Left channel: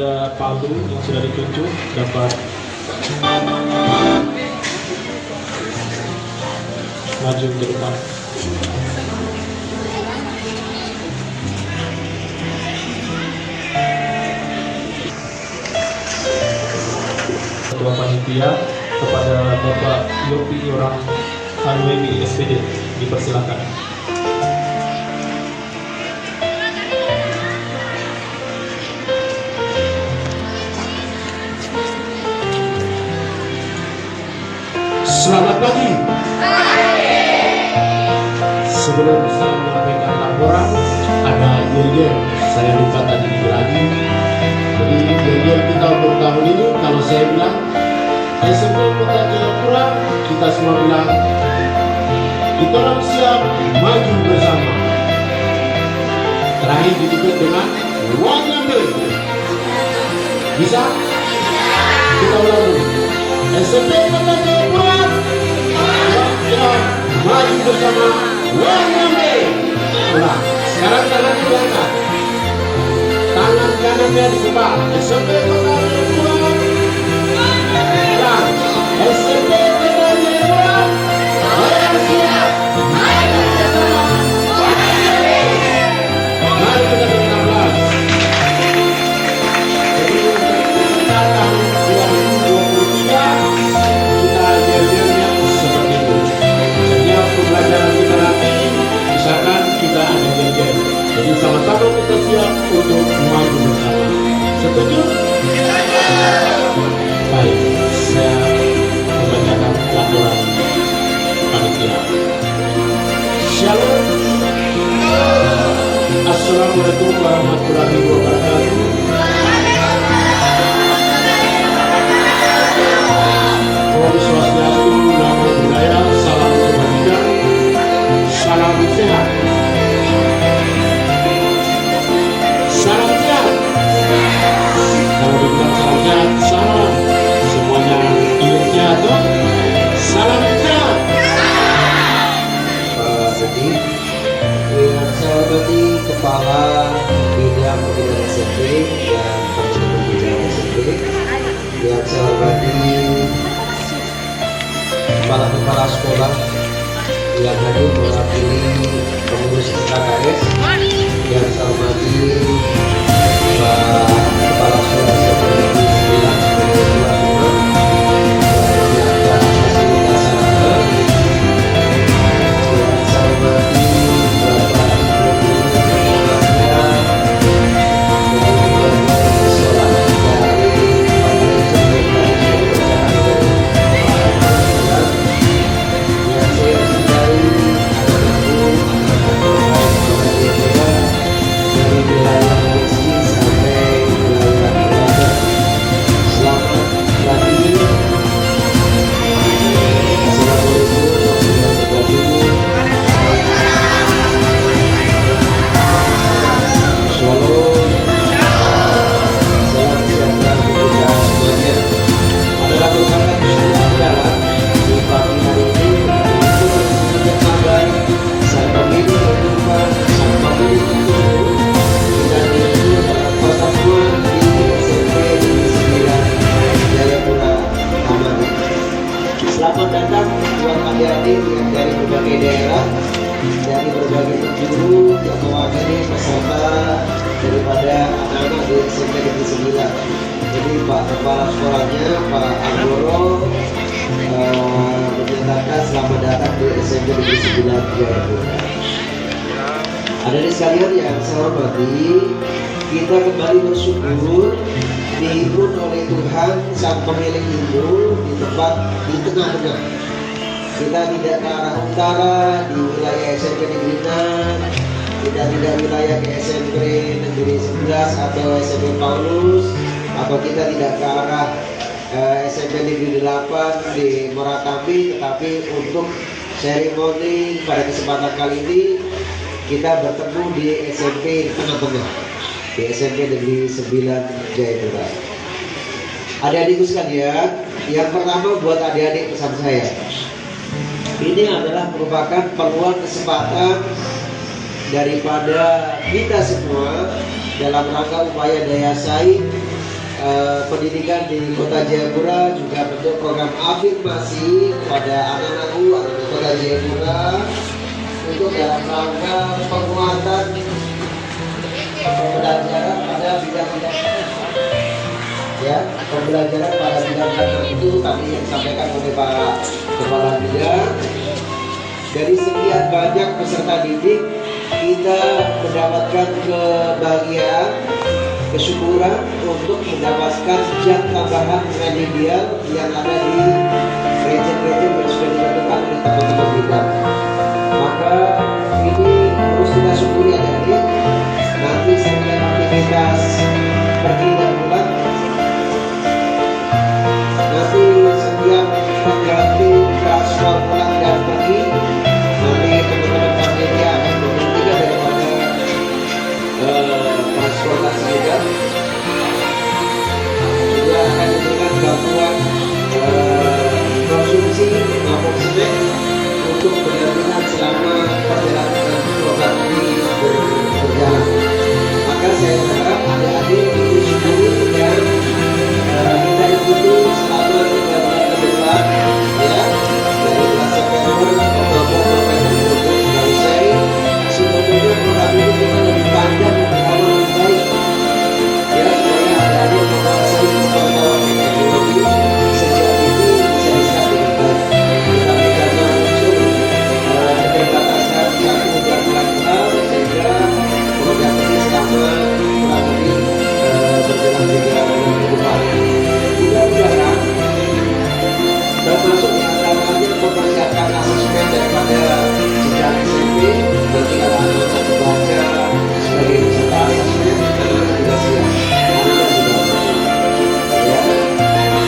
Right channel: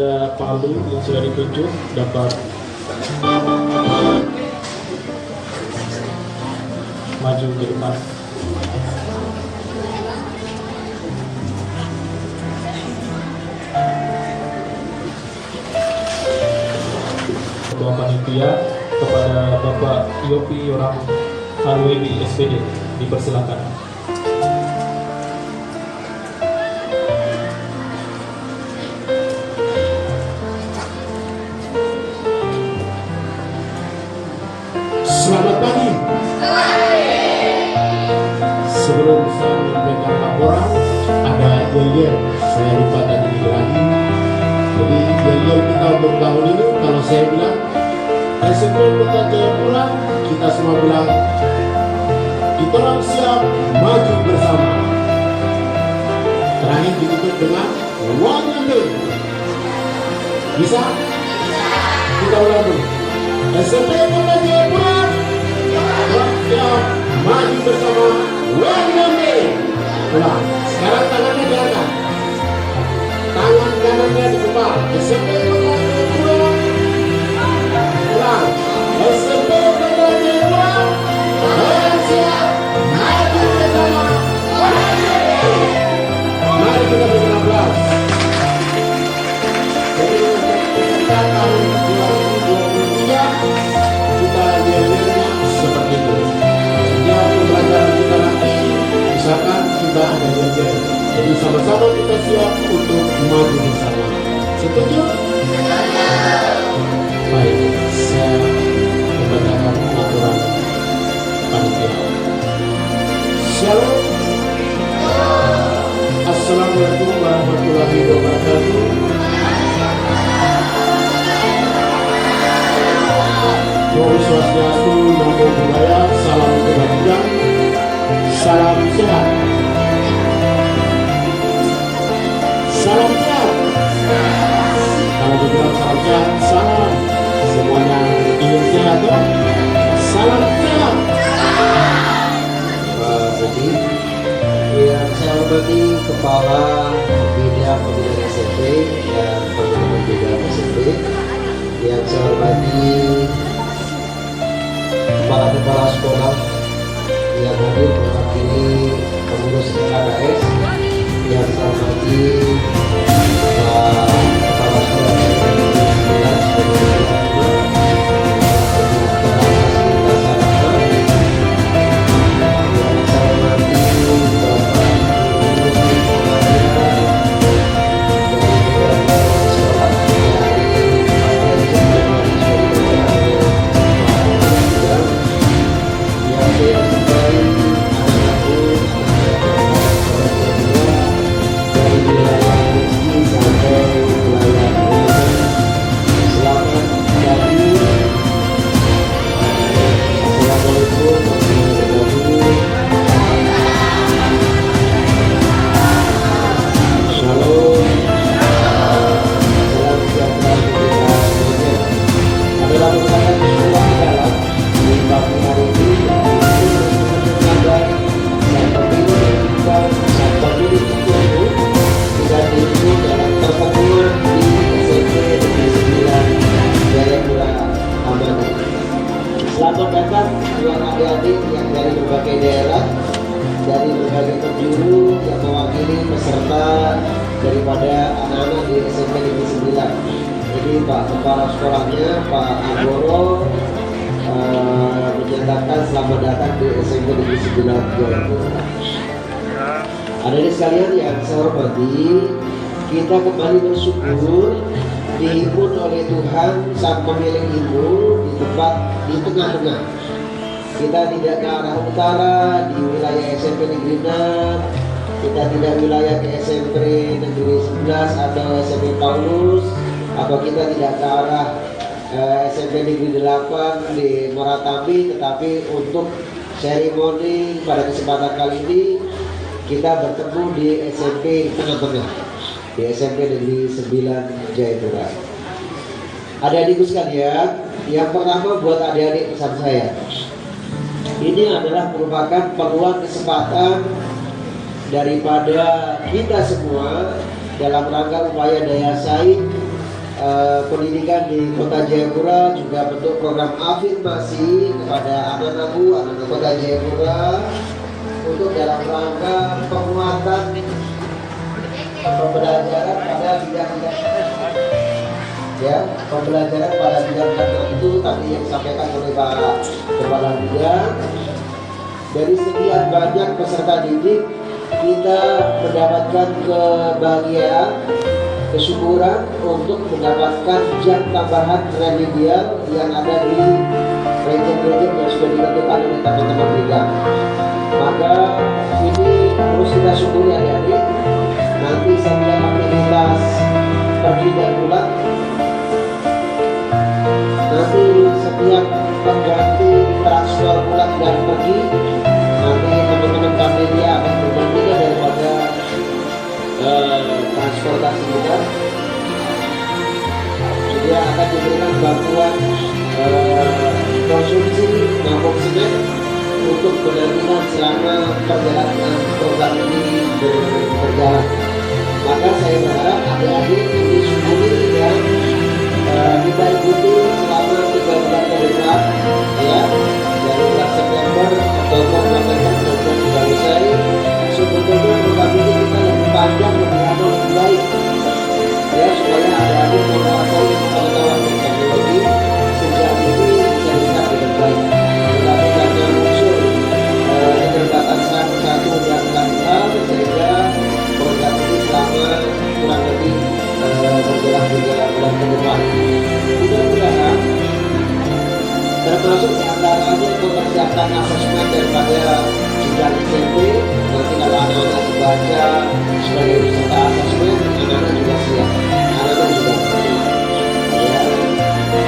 ada palu yang sudah ditunjuk dapat maju ke depan. Ketua Panitia kepada Bapak Yopi Yorang HWB SPD dipersilakan. Selamat pagi. Sebelum saya menyampaikan laporan, ada yel-yel. Saya lupa tadi dibilangin. Jadi yel-yel kita untuk tahun ini, kalau saya bilang SMP Kota Jayapura, kita semua bilang kita orang siap maju bersama. Terakhir ditutup dengan Wanyambe. Bisa? Kita ulang dulu. SMP Kota Jayapura siap maju bersama Wanyambe. Ulang. Sekarang tangannya diangkat. Tangan kanannya di depan. SMP Kota Jayapura. Ulang. SMP Kota Jayapura siap maju bersama Wanyambe. Mari kita berikan aplaus. Jadi untuk peserta tahun 2023 kita yel-yelnya seperti itu. Setiap pembelajaran kita nanti, misalkan kita ada yel-yel. Jadi sama-sama kita siap untuk maju bersama. Setuju? Baik, saya membacakan laporan panitia. Shalom. Assalamualaikum warahmatullahi wabarakatuh. Om Swastiastu, Namo Buddhaya, salam kebajikan, salam sehat. Salam sehat. Kalau dibilang salam sehat, salam. Semuanya ingin sehat, toh? Salam sehat. Jadi, yang saya hormati Kepala Bidang Pembinaan SMP dan teman-teman bidang SMP, yang saya hormati kepala sekolah yang hadir mewakili pengurus KKS, yang saya hormati Pak Kepala Sekolah SMP Negeri 9 sebagai tuan rumah yang telah menyiapkan fasilitas sarana, yang saya hormati Bapak Ibu Guru pengajar dari berbagai sekolah dari 4 legend yang sudah dibacakan oleh Pak Pengajar, yang saya cintai anak-anakku, anak terbaik Kota Jayapura dari wilayah Rizki sampai wilayah Al-Azhar. Selamat pagi. Assalamualaikum warahmatullahi wabarakatuh. Shalom. Salam sejahtera untuk kita semuanya. Adalah merupakan sebuah jalan di pagi hari ini untuk menunjukkan bagai sang pemilu yang berubah, sang pemilu itu kita diikut dalam pertemuan di SMP Negeri 9 Jayapura Hamadi. Selamat datang buat adik-adik yang dari berbagai daerah, dari berbagai penjuru yang mewakili peserta daripada anak-anak di SMP Negeri 9. Jadi Pak Kepala Sekolahnya, Pak Anggoro, menyatakan selamat datang di SMP Negeri 9 Jayapura. Adik-adik sekalian yang saya hormati, kita kembali bersyukur dihibur oleh Tuhan Sang Pemilik ilmu di tempat di tengah-tengah. Kita tidak ke arah utara di wilayah SMP Negeri 6, kita tidak wilayah ke SMP Negeri 11 atau SMP Paulus, atau kita tidak ke arah SMP Negeri 8 di Moratambi, tetapi untuk seremoni pada kesempatan kali ini kita bertemu di SMP tengah-tengah, di SMP Negeri 9 Jayapura. Adik-adikku sekalian, yang pertama buat adik-adik pesan saya, ini adalah merupakan peluang kesempatan daripada kita semua dalam rangka upaya daya saing pendidikan di Kota Jayapura juga bentuk program afirmasi kepada anak-anakku, anak-anak Kota Jayapura untuk dalam rangka penguatan pembelajaran pada bidang-bidang ya, pembelajaran pada bidang tertentu tadi yang disampaikan oleh Pak Kepala Bidang. Dari sekian banyak peserta didik, kita mendapatkan kebahagiaan, kesyukuran untuk mendapatkan jam tambahan remedial yang ada di region-region yang sudah ditentukan oleh teman-teman bidang. Maka ini harus kita syukuri adik-adik. Nanti setiap aktivitas pergi dan pulang, nanti setiap pengganti transfer pulang dan pergi, nanti teman-teman panitia akan menggantikan daripada transportasi kita. Juga akan diberikan bantuan konsumsi maupun snack untuk pendampingan selama perjalanan program ini berjalan. Maka saya berharap adik-adik ini syukuri dan kita ikuti selama 3 bulan ke depan, ya, dari bulan September, Oktober, November, program sudah usai. Sebetulnya program ini kita lebih panjang, lebih lama, lebih baik, ya, supaya adik-adik menguasai pengetahuan teknologi sejak ini bisa diserap dengan baik. Tetapi karena muncul keterbatasan satu dan lain hal, sehingga program ini selama kurang lebih berjalan 3 bulan ke depan. Mudah-mudahan termasuk diantaranya mempersiapkan asesmen daripada jenjang SMP. Nanti kalau anak-anak membaca sebagai peserta asesmen, anak-anak juga siap, anak-anak juga mampu, ya.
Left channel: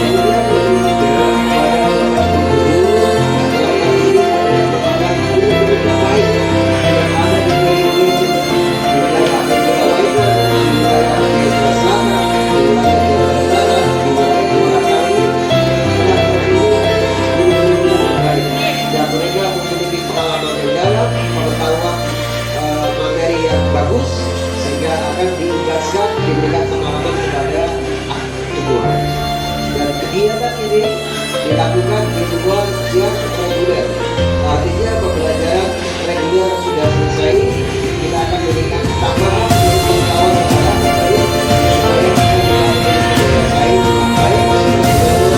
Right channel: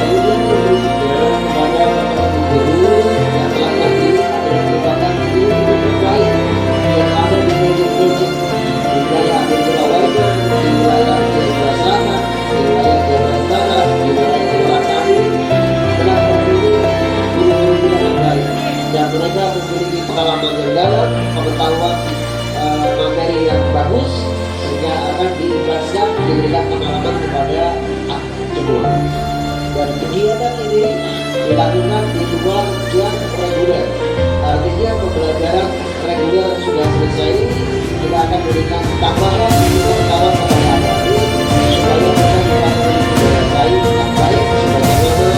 Kemudian berikutnya kepada Bapak Ibu guru yang telah terpilih adalah merupakan guru-guru terbaik yang ada di region di wilayah Jayapura Waida, di wilayah Jayapura Selatan, di wilayah Jayapura Utara, di wilayah Muratani, telah terpilih guru-guru yang terbaik dan mereka memiliki pengalaman yang dalam, pengetahuan materi yang bagus, sehingga akan diimbaskan, diberikan pengalaman kepada semua. Dan kegiatan ini dilakukan di luar jam reguler. Artinya pembelajaran reguler sudah selesai, kita akan berikan tambahan ilmu pengetahuan kepada anak-anak supaya mereka juga memiliki daya saing yang baik sebagaimana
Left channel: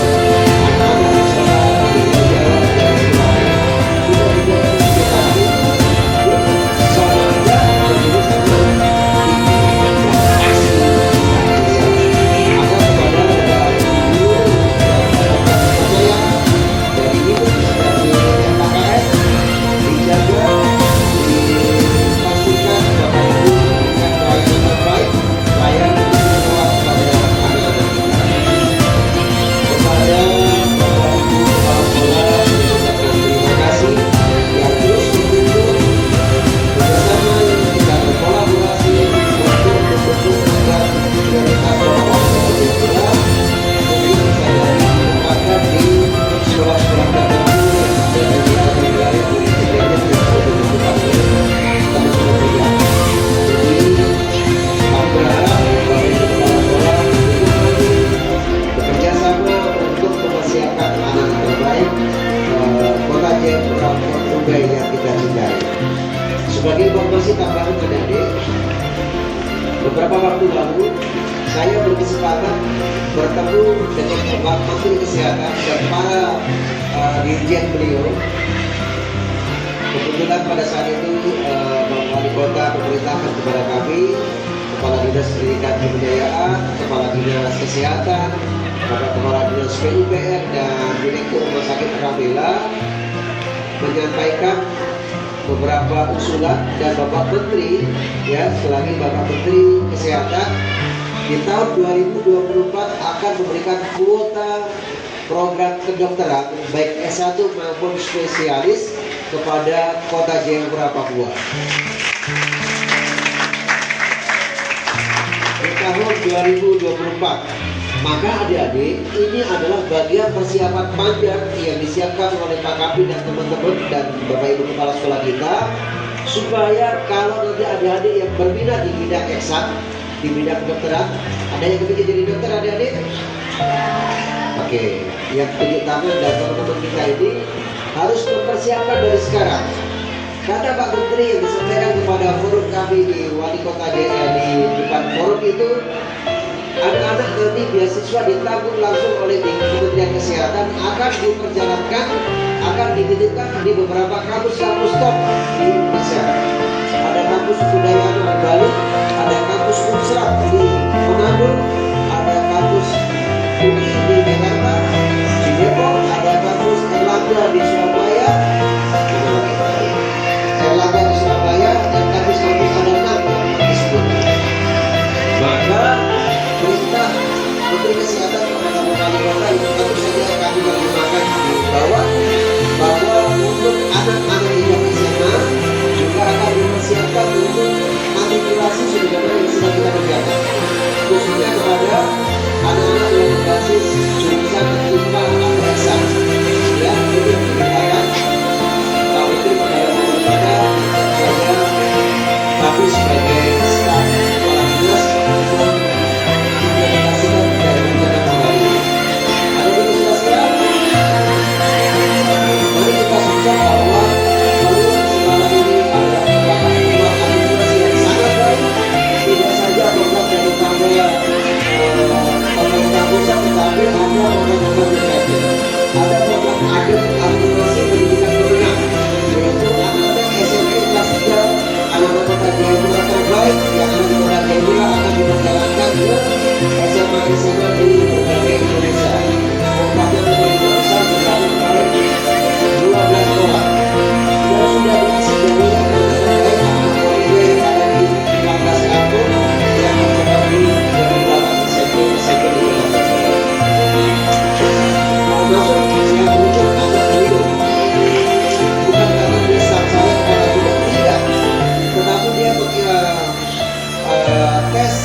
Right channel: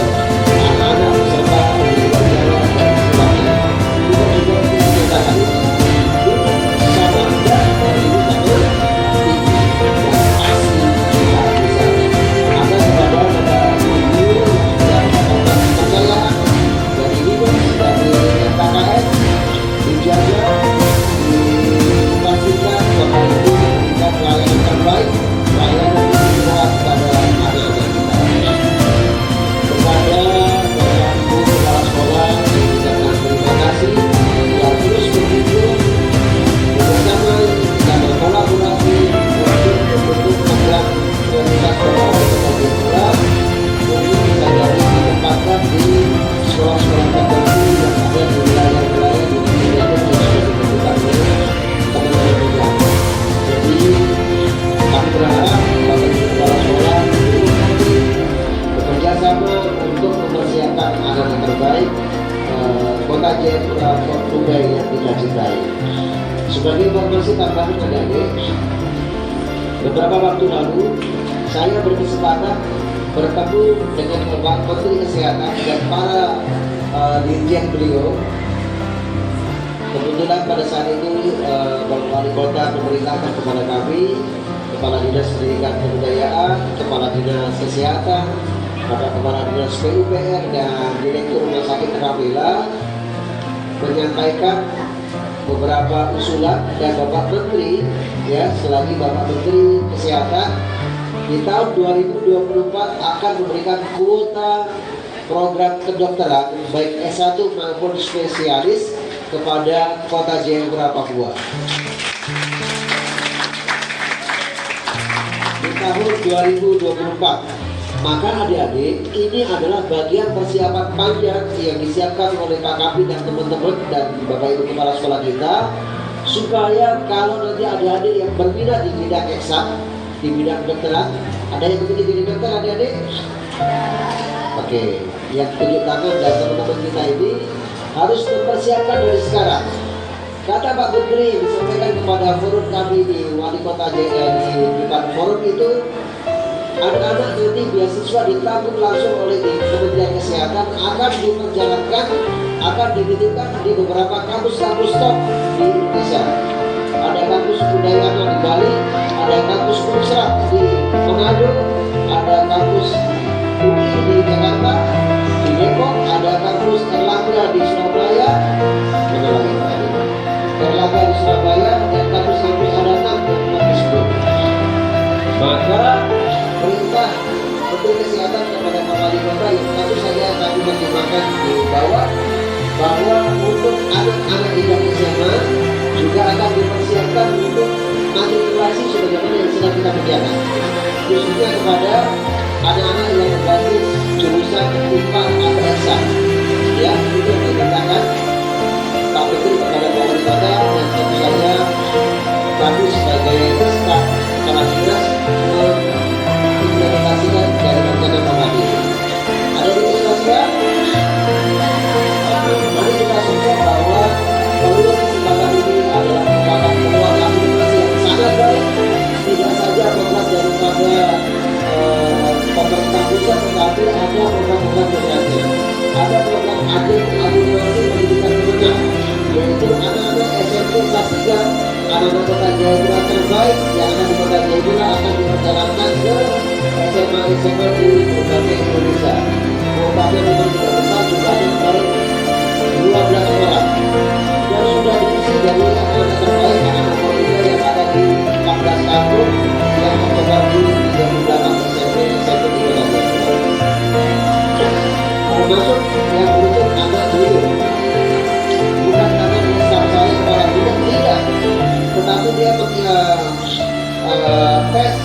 anak-anak peserta di luar Jawa dan sebagainya. Kita juga kita itu sama ada berdiri sama tinggi dan pasti kita bisa. Maka kepada Bapak Ibu yang sudah mendapatkan kepercayaan dari dinas, dari MKKS, dijaga, dipastikan Bapak Ibu memberikan pelayanan terbaik, pelayanan yang luas kepada anak-anak kita. Kepada Bapak Ibu Kepala Sekolah, saya ucapkan terima kasih yang terus mendukung bersama dan berkolaborasi untuk membentuk program prioritas Bapak Wali Kota Jayapura. Mungkin bisa jadi ditempatkan di sekolah-sekolah tertentu yang ada di wilayah-wilayah di region yang sudah ditentukan oleh teman-teman bidang. Jadi kami berharap Bapak Ibu Kepala Sekolah mendukung kami bekerja sama untuk mempersiapkan anak terbaik Kota Jayapura Portugal yang kita cintai. Sebagai informasi tambahan adik-adik, beberapa waktu lalu saya berkesempatan bertemu dengan Bapak Menteri Kesehatan dan para dirjen beliau. Kebetulan pada saat itu Bapak Wali Kota memerintahkan kepada kami, Kepala Dinas Pendidikan dan Kebudayaan, Kepala Dinas Kesehatan, Bapak Kepala Dinas PUPR dan Direktur Rumah Sakit Ramila menyampaikan beberapa usulan, dan Bapak Menteri, ya, selagi Bapak Menteri Kesehatan di tahun 2024 akan memberikan kuota program kedokteran baik S1 maupun spesialis kepada Kota Jayapura, Papua. Di tahun 2024. Maka adik-adik, ini adalah bagian persiapan panjang yang disiapkan oleh KKP dan teman-teman dan Bapak Ibu Kepala Sekolah kita, supaya kalau nanti adik-adik yang berminat di bidang eksak, di bidang kedokteran, Ada yang kepingin jadi dokter adik-adik? Oke, yang tunjuk tangan dan teman-teman kita ini harus mempersiapkan dari sekarang. Kata Pak Menteri yang disampaikan kepada forum kami di Wali Kota di depan forum itu, anak-anak nanti beasiswa ditanggung langsung oleh di Kementerian Kesehatan akan diperjalankan, akan dititipkan di beberapa kampus-kampus top di Indonesia. Ada kampus Udayana di Bali, ada kampus Unsrat di Manado, ada kampus UI di Jakarta, di Depok, ada kampus Erlangga di Surabaya, mana lagi tadi? Erlangga di Surabaya dan kampus-kampus ada 6 yang tempat disebut. Maka perintah Menteri Kesehatan kepada Pak Wali Kota yang tentu saja kami terjemahkan di bawah, bahwa untuk anak-anak tingkat SMA juga akan dipersiapkan untuk matrikulasi sebagaimana yang sedang kita kerjakan, khususnya kepada anak-anak yang berbasis jurusan IPA atau eksak. Ya, ini yang dimintakan Pak Menteri kepada Pak Wali Kota, dan tentu saja kami sebagai staf kepala dinas mengimplementasikan dari rencana program ini. Ada demonstrasian? Oke, mari kita sungguh bahwa peluang kesempatan ini adalah merupakan peluang afirmasi yang sangat baik, tidak saja program daripada pemerintah pusat, tetapi ada program-program kreatif. Ada program afirmasi pendidikan menengah, yaitu anak-anak SMP kelas 3, anak-anak Kota Jayapura terbaik yang ada di Kota Jayapura akan diperjalankan ke SMA-SMA di berbagai Indonesia. Kuotanya memang tidak besar, jumlahnya kemarin 12 orang. Dan sudah diisi dari anak-anak terbaik, anak-anak Polda yang ada di 14 kampung yang tersebar di 38 SMP di Kota Jayapura. Termasuk yang beruntung anak beliau, bukan karena dia staff saya kepala bidang, tidak, tetapi dia tes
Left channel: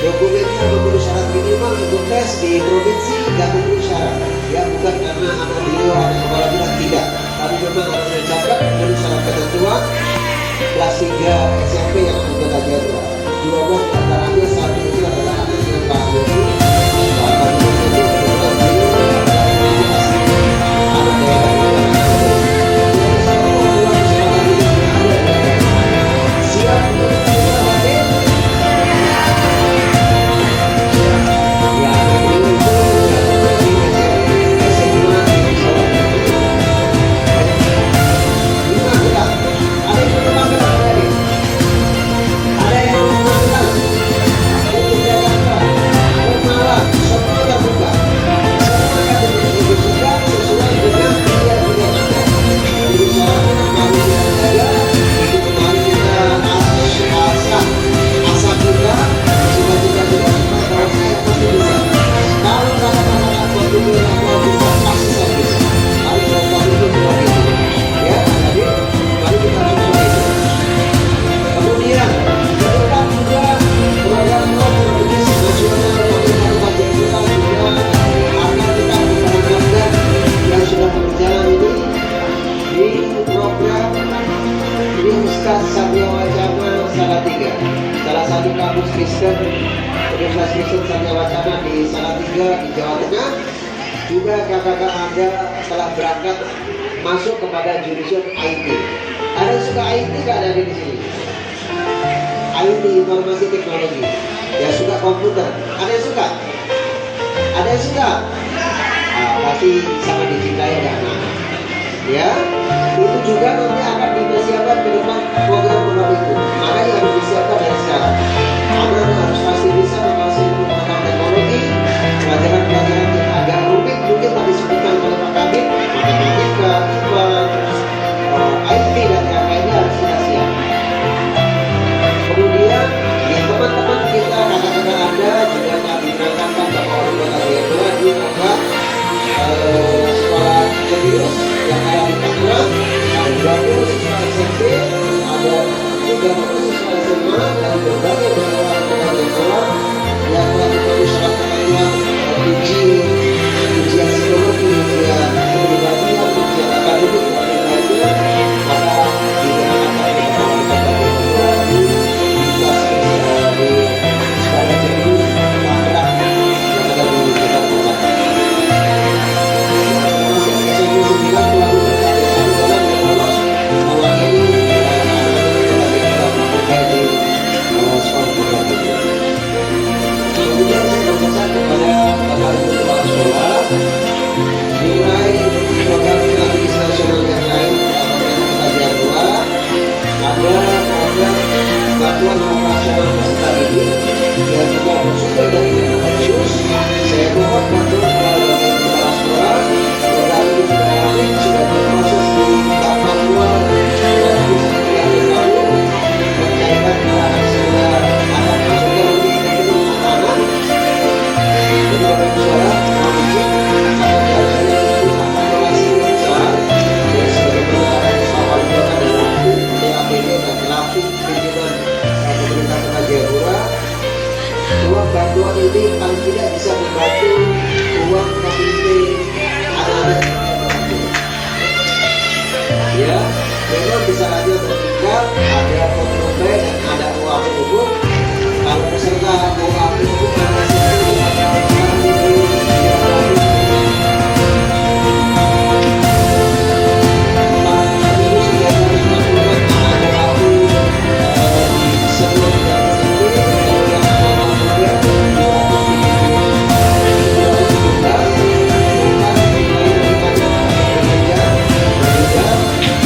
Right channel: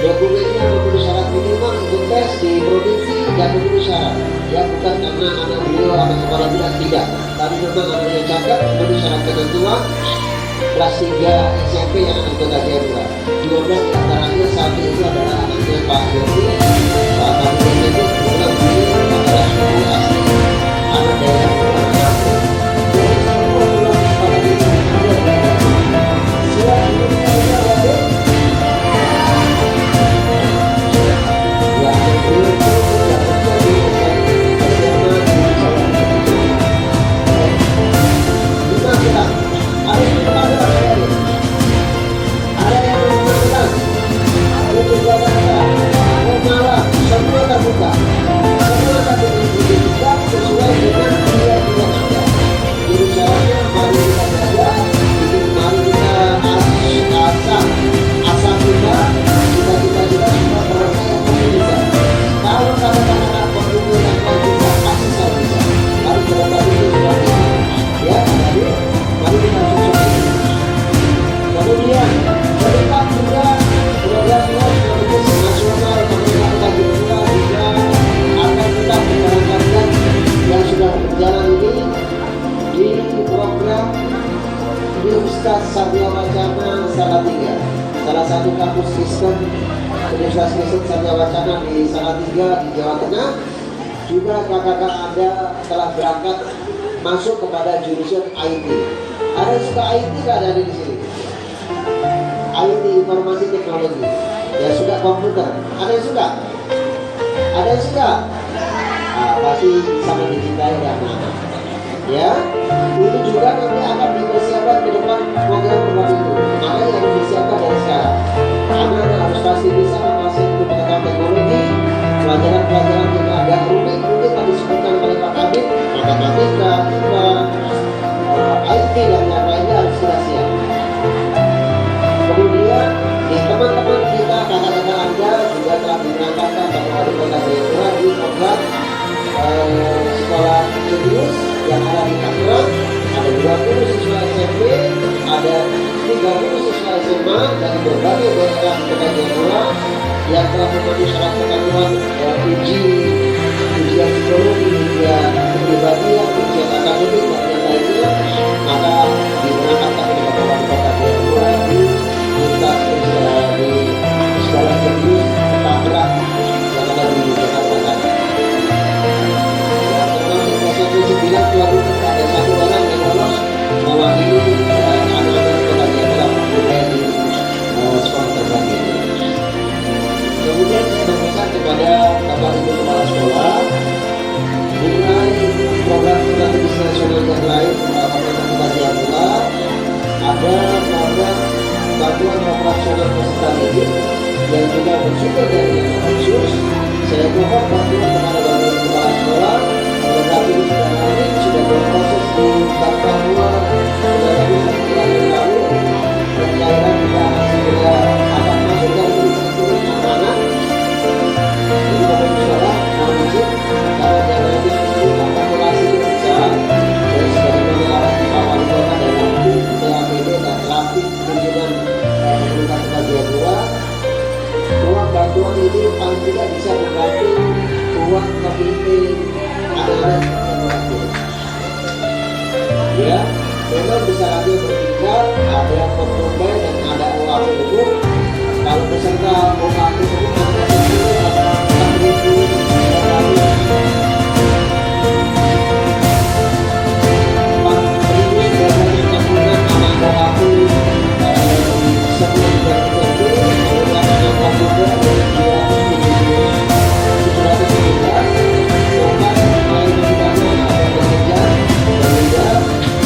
dokumennya memenuhi syarat minimal untuk tes di provinsi dan memenuhi syarat. Ya, bukan karena anak beliau anak kepala bidang, tidak, tapi memang anaknya cakap memenuhi syarat ketentuan kelas 3 SMP yang ada di Kota Jayapura. 12 diantaranya, satu itu adalah anaknya Pak Yogi. Pak Kabinet itu kebetulan beliau adalah suku asli anak daerah di Manado. Jadi semua peluang kesempatan ini ada di hadapan. Siap untuk kita menghadapi? Ya, beliau itu jatuhnya di SMA di Jawa Timur. Lima gelang. Ada yang berapa gelang ada? Ada yang berapa gelang? Untuk Jakarta, Malang, semua terbuka. Semua akan didistribusikan sesuai dengan pilihan-pilihan Anda. Jadi caranya mari kita jaga, jadi mari kita asap kita, cita-cita kita bahwa saya pasti bisa. Kalau kata-kata kontribusi yang bisa, pasti saya bisa. Harus berkomitmen seperti itu. Ya, jadi mari kita sosok ini. Kemudian ke depan juga program-program strategis nasional pemerintah Kota Jayapura juga akan kita memperangkatkan yang sudah berjalan ini di program Universitas Satya Wacana Salatiga, salah satu kampus Kristen Universitas Kristen Satya Wacana di Salatiga di Jawa Tengah. Juga kakak-kakak Anda telah berangkat masuk kepada jurusan IT. Ada yang suka IT nggak ada di sini? IT, informasi teknologi, yang suka komputer, ada yang suka? Ada yang suka? Pasti sama dicintai dan anak. Ya, itu juga nanti akan dipersiapkan ke depan program-program itu. Makanya harus disiapkan dari sekarang. Anak-anak harus pasti bisa menguasai ilmu pengetahuan teknologi, pelajaran-pelajaran yang agak rumit mungkin tadi sebutkan oleh Pak Kabit, matematika, IPA, IT dan yang lainnya harus sudah siap. Kemudian di teman-teman kita, kakak-kakak Anda juga telah diberangkatkan Bapak Wali Kota Jayapura di program sekolah jenius yang ada di Tangerang. Ada 20 siswa SMP, ada 30 siswa SMA dari berbagai daerah di Kota Jayapura yang telah memenuhi syarat ketentuan ujian psikologi, ujian kepribadian, ujian akademik dan yang lainnya. Maka diberangkatkan oleh Bapak Wali Kota Jayapura di lintas di sekolah Jalan Jenius Tangerang yang ada di Jakarta Selatan. Dan termasuk SMP 9 tuan rumah ada satu orang yang lolos mewakili anak-anak Kota Jayapura bermain di sekolah Tangerang itu. Kemudian saya berpesan kepada Bapak Ibu Kepala Sekolah, nilai program strategis nasional yang lain pemerintah Kota Jayapura ada program bantuan operasional peserta didik yang juga bersumber dari dana otsus. Saya mohon bantuan kepada Bapak Ibu Kepala Sekolah. Program ini sudah lanjut, sudah berproses di Bank Papua sudah lebih 1 bulan yang lalu. Pencairan juga akan segera akan masuk dalam rekening anak-anak. Jadi Bapak Ibu Sekolah mohon izin karena dananya ini akumulasi yang besar. Jadi sebagaimana Pak Wali Kota dalam TAPD dan Rapid Kunjungan pemerintah Kota Jayapura, uang bantuan ini paling tidak bisa membantu uang KPP anak-anak yang berhasil. Ya, memang bisa saja bertingkat, ada pot tunai dan ada OAP umum. Kalau peserta OAP umum pada SMP itu ada 4.966 anak OAP di seluruh SMP, kemudian anak pot tunai ada 717, bukan nilai nominalnya ada berbeda.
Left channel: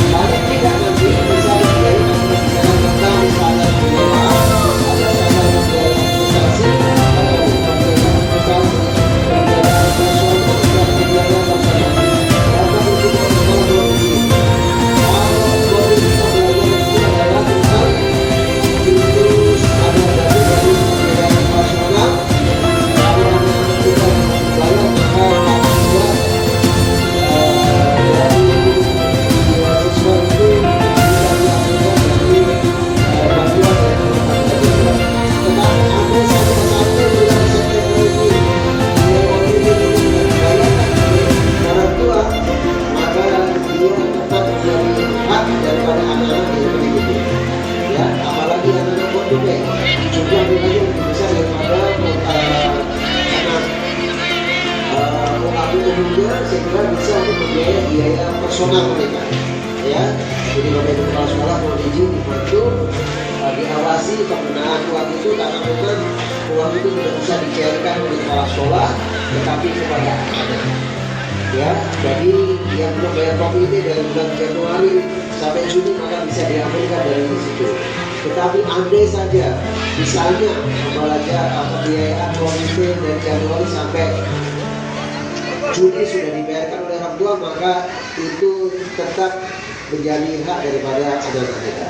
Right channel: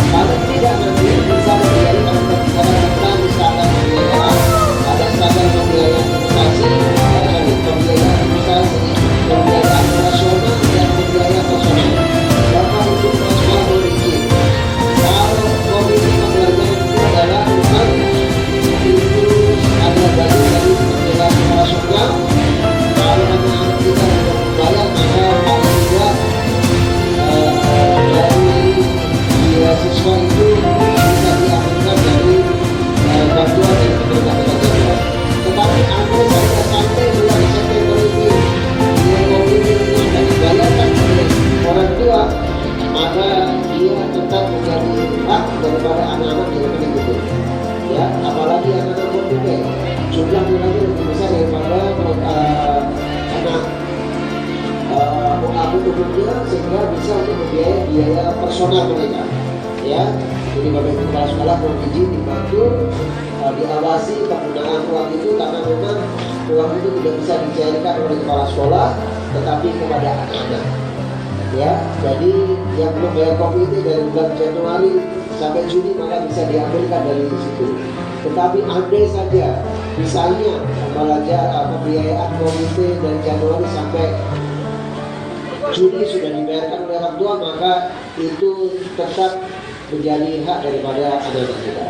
Paling tidak nanti bisa dibiayai kalau kita bicara tentang standar pembiayaan, ada standar pembiayaan investasi, pembiayaan nasional dan pembiayaan personal. Bapak Ibu Kepala Sekolah mohon izin, kalau mobil kita belajar itu adalah bukan itu ada bagian dari pembiayaan operasional. Kalau anak-anak kita bisa membayar maka paling tidak dari siswa itu bisa diambilkan dari bantuan dari pemerintah Kota Jayapura. Tetapi ada saja sampai bulan September ini dia komitmen itu sudah dibayarkan oleh orang tua, maka dia tetap menjadi hak daripada anak-anak yang begitu. Ya, apalagi anak-anak komitmen jumlah nilainya lebih besar daripada anak OAP umumnya, sehingga bisa untuk membiayai biaya personal mereka. Ya, jadi Bapak Ibu Kepala Sekolah mohon izin dibantu diawasi penggunaan uang itu, karena memang uang itu tidak bisa dicairkan oleh kepala sekolah, tetapi kepada anak-anak. Ya, jadi yang belum bayar komite dari bulan Januari sampai Juni maka bisa diambilkan dari situ. Tetapi andai saja misalnya pembiayaan komite dari Januari sampai Juni sudah dibayarkan oleh orang tua, maka itu tetap menjadi hak daripada anak-anak kita.